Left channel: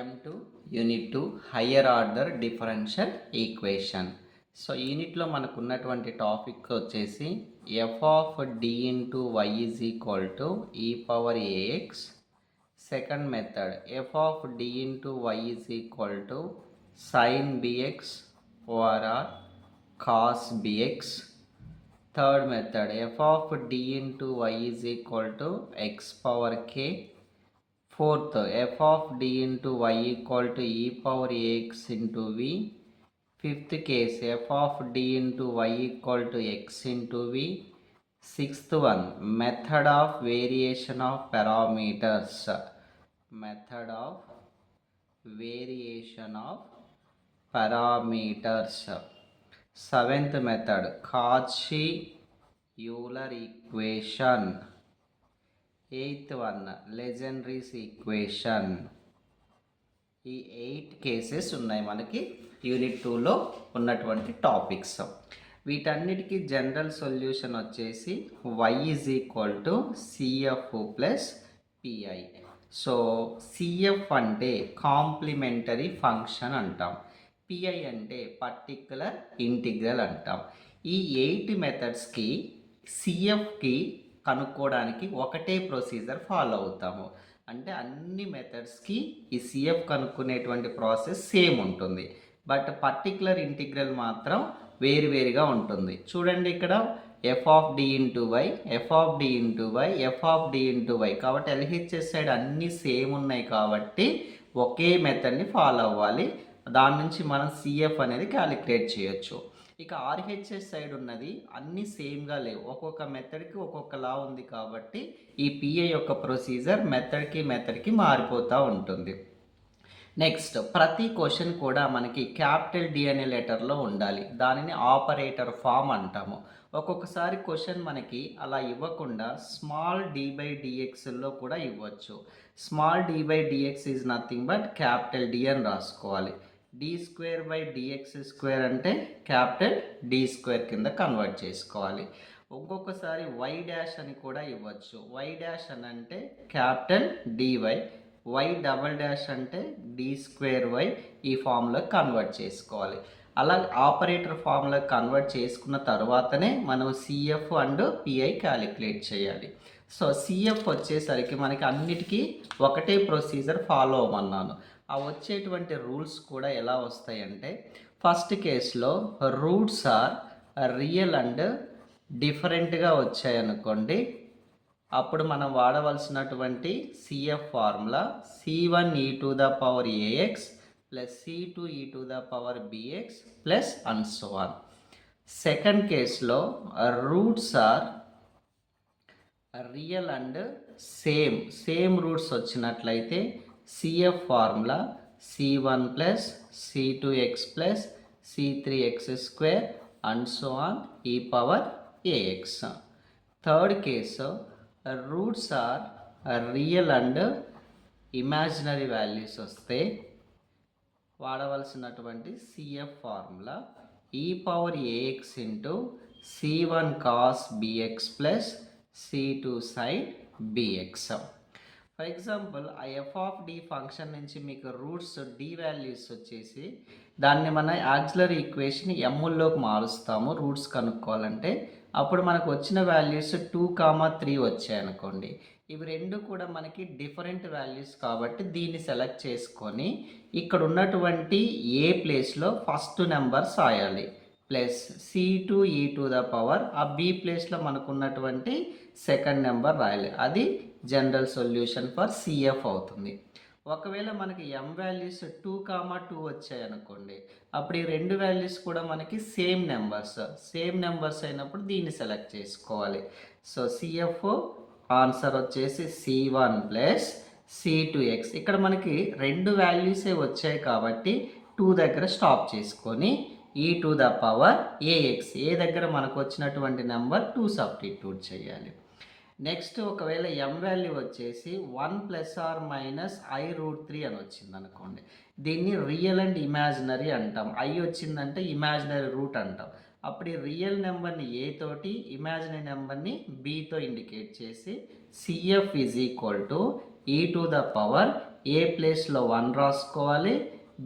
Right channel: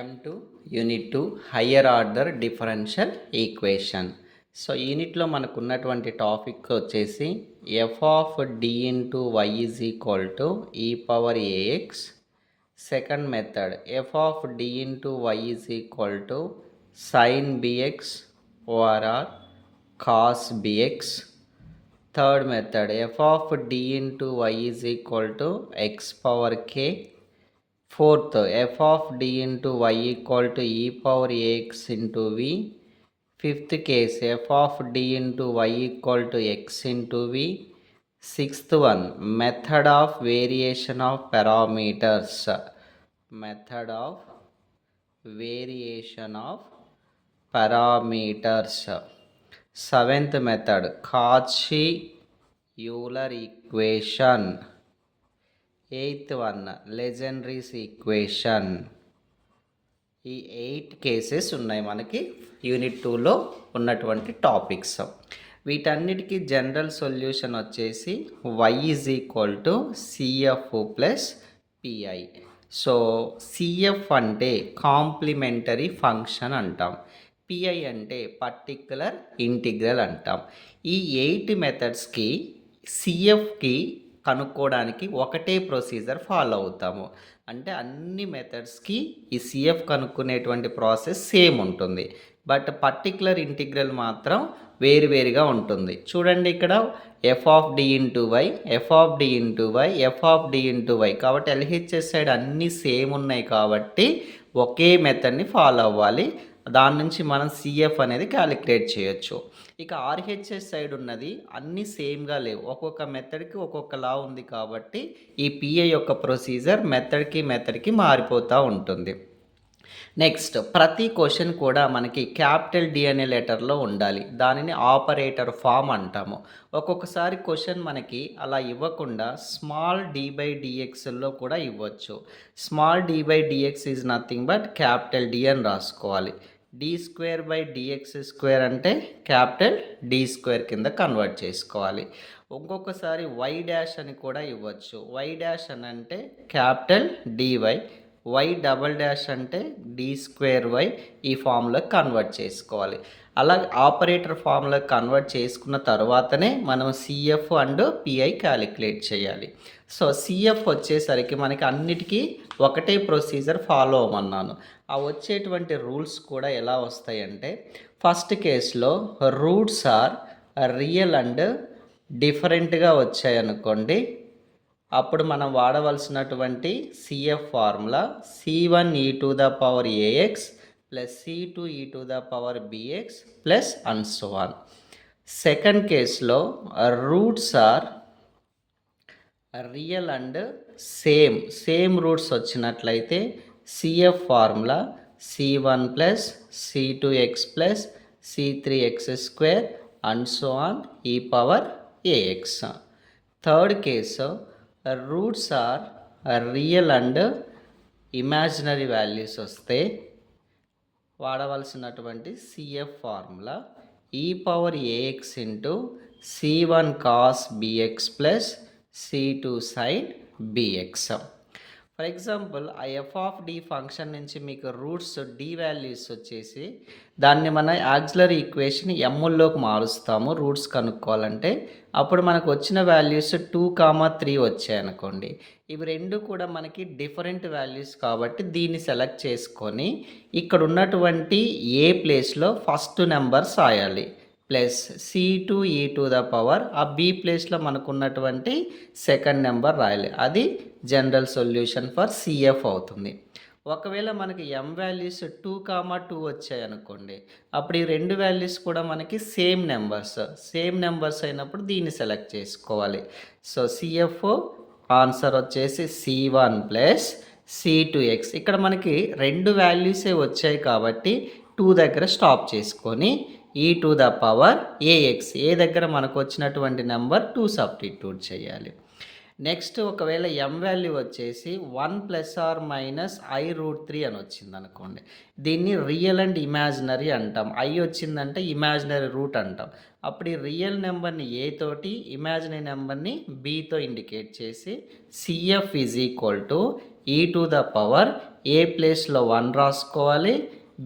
M2 unit 2 higher order differential equation. So యూనిట్లో మనకు ఉన్నటువంటి టాపిక్ వచ్చేసి f of D into y is equal to e power a x. Second method f of D into y is equal to sine b x or cos b x. Third method f of D into y is equal to x power k. Fourth, f of d into y equal to e power ax into v. Fifth case, f of d into y equal to x into v. Sixth one, method of variation of parameters. Method of variation of parameters. Seventh method, Cauchy-Euler equation. Eighth one Legendre's equation. ఈ 8 cases ఉన్నాయి మనకి unit 2లో ఉన్నటువంటి topics. వీటన్నిటికీ general solution వచ్చేసి y is equal to CF plus PI. So CF అంటే complementary function అంటాం, PI అంటే పర్టిక్యులర్ ఇంటిగ్రల్ అంటాం. ఈ 8 మెథడ్స్కి సిఎఫ్కి కనుక్కోవడానికి ఒకటే ప్రొసీజర్ ఫాలో అవుతాము. అంటే అన్ని మెథడ్స్కి ఈ సిఎఫ్ కనుక్కునేటువంటి ప్రాసెస్ సేమ్ ఉంటుంది, బట్ పర్టిక్యులర్ ఇంటిగ్రల్ మాత్రం వేరువేరుగా ఉంటుంది. చూడండి ఇక్కడ F of D into Y, F of D into Y, F of D into Y. కాబట్టి ఎల్హెచ్ఎస్ సైడ్ అన్నీ సేమ్ ఉన్నాయి కాబట్టి ఒకే మెథడ్ని ఫాలో అవ్వాలి. దాని నుంచి మనం సిఎఫ్ అనేది క్యాలిక్యులేట్ చేయొచ్చు. ఇక ఆర్హెచ్ఎస్ సైడ్ ఉన్నది అన్నీ సేమ్గా లేవు, ఒక్కొక్క మెథడ్కి ఒక్కొక్కలా ఉంది కాబట్టి ఈ పిఏ యొక్క ప్రొసీజర్ మెథడ్కి మారిపోతూ ఉంటుంది. నెక్స్ట్, ప్రతి క్వశ్చన్ కూడా మనకి క్యాపిటల్ డి అనే లెటర్లో ఉండాలి. దానిని ఆపరేటర్ ఫామ్ అంటాము. ఒక్కొక్కసారి క్వశ్చన్ మనకి అలా ఇవ్వకుండా స్మాల్ డి బై డిఎక్స్లో కూడా ఇవ్వచ్చు. Small D by DX is nothing but capital D అని రాసుకోవాలి. D square by DX square అంటే క్యాపిటల్ డి స్క్వేర్ కింద కన్వర్ట్ చేసుకోవాలి. ఒక్కొక్కసారి వై డాష్ అని కూడా ఇవ్వచ్చు. వై డాష్ అని అంటే capital DY, Y double dash అంటే డి స్క్వేర్ వై. ఈ ఫామ్లోకి కన్వర్ట్ చేసుకోవాలి. అలా ఆపరేటర్ ఫామ్లోకి కన్వర్ట్ చేసుకున్న తర్వాతనే మనం సిఎఫ్ అండ్ పిఐ క్యాలిక్యులేట్ చేయాలి. సో సిఎఫ్ వచ్చేసరికి మనకి అన్నిటికీ ఒకటే ప్రొసీజర్ ఫాలో అవ్వమన్నాను. ఆ వచ్చేటువంటి రూల్స్ కూడా ఎలా వస్తాయంటే, ఫస్ట్ కేసులో రూట్స్ ఆర్ రియల్ అండ్ డిఫరెంట్గా వచ్చాయనుకోండి, అప్పుడు మనం వాడవలసినటువంటి C F formula C1 e to the power ax plus C2 e to the power bx plus and so on. Second కేసులో roots are real and same roots వచ్చినట్లయితే C F formula C1 plus C2x plus C3x square and so on e power a x. Third case roots are real and imaginary values వస్తే వాడవలసినటువంటి C F formula e power a x into C1 cos b x plus C2 sine bx. For example ఆ F of D function నుంచి మీకు roots D values వచ్చేసి దాన్ని మన auxiliary equation ఎమ్ముల్లోకి మారుస్తాము roots కనుక్కోవాలంటే. అప్పుడు మనకు వచ్చిన వాల్యూస్ 2, 3 వచ్చాయనుకోండి. ఇవి రెండు కూడా మనకి డిఫరెంట్ వాల్యూస్ కాబట్టి దీన్ని సెలెక్ట్ చేసుకొని ఇక్కడ ఉన్నటువంటి ఏ ప్లేస్లో ఫస్ట్ నెంబర్స్ రాయాలి plus C2 e to the power ఆ బి ప్లేస్లో మనకు ఉన్నటువంటి సెకండ్ నెంబర్ రాయాలి. అది జనరల్ సొల్యూషన్ ఫర్ సిఎఫ్ అవుతుంది. ఒకవేళ మనకి ఎం వాల్యూస్ 2, 2 వచ్చాయి అనుకోండి, అప్పుడు ఈ రెండు వాల్యూస్ కూడా మనకి సేమ్ నెంబర్స్ అయినప్పుడు దీన్ని సెలెక్ట్ చేసుకోవాలి. సో సిఎఫ్ ఆన్సర్ వచ్చేసి C1 ప్లస్ C2x. ఇక్కడ మనకి రెండు వాల్యూసే వచ్చాయి కాబట్టి 2 దగ్గర స్టాప్ చేసుకొని ఈ టు ద పవర్ ఏఎక్స్, ఏ దగ్గర మనకు వచ్చినటువంటి నెంబర్ 2 సబ్స్టిట్యూట్ చేయాలి. నెక్స్ట్, ఒకవేళ ఎం వాల్యూ వచ్చేసి 1 ప్లస్ ఆర్ మైనస్ i√3 అని వచ్చింది అనుకోండి, దీన్ని రియల్ అండ్ ఇమాజినరీ అంటాం. ఐ వచ్చిందంటే ఇమాజినరీ రూట్ అంటాం. అప్పుడు ఈ రియల్ నెంబర్ని ఏ తోటి, ఇమాజినరీ నెంబర్ని బితో ఇండికేట్ చేసి సిఎఫ్ ఈజ్ ఈక్వల్ టు ఈ టు ద పవర్ ఏ ప్లేస్లో 1 రాసుకోవాలి,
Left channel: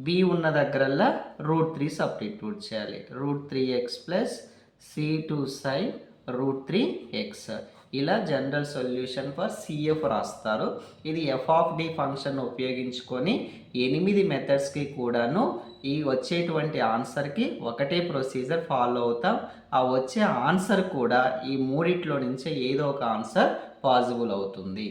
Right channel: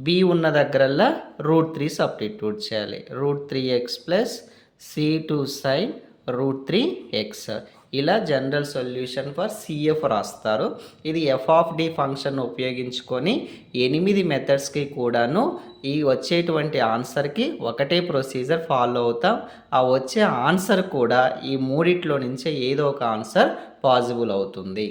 బి ఉన్న దగ్గరల్లా √3 సబ్స్టిట్యూట్ చేయాలి. √3x plus c2 sin √3x. ఇలా జనరల్ సొల్యూషన్ ఫర్ సిఎఫ్ రాస్తారు. ఇది ఎఫ్ ఆఫ్ డి ఫంక్షన్ ఉపయోగించుకొని 8 మెథడ్స్కి కూడాను ఈ వచ్చేటువంటి ఆన్సర్కి ఒకటే ప్రొసీజర్ ఫాలో అవుతాం. ఆ వచ్చే ఆన్సర్ కూడా ఈ మూడిట్లో నుంచే ఏదో ఒక ఆన్సర్ పాసిబుల్ అవుతుంది.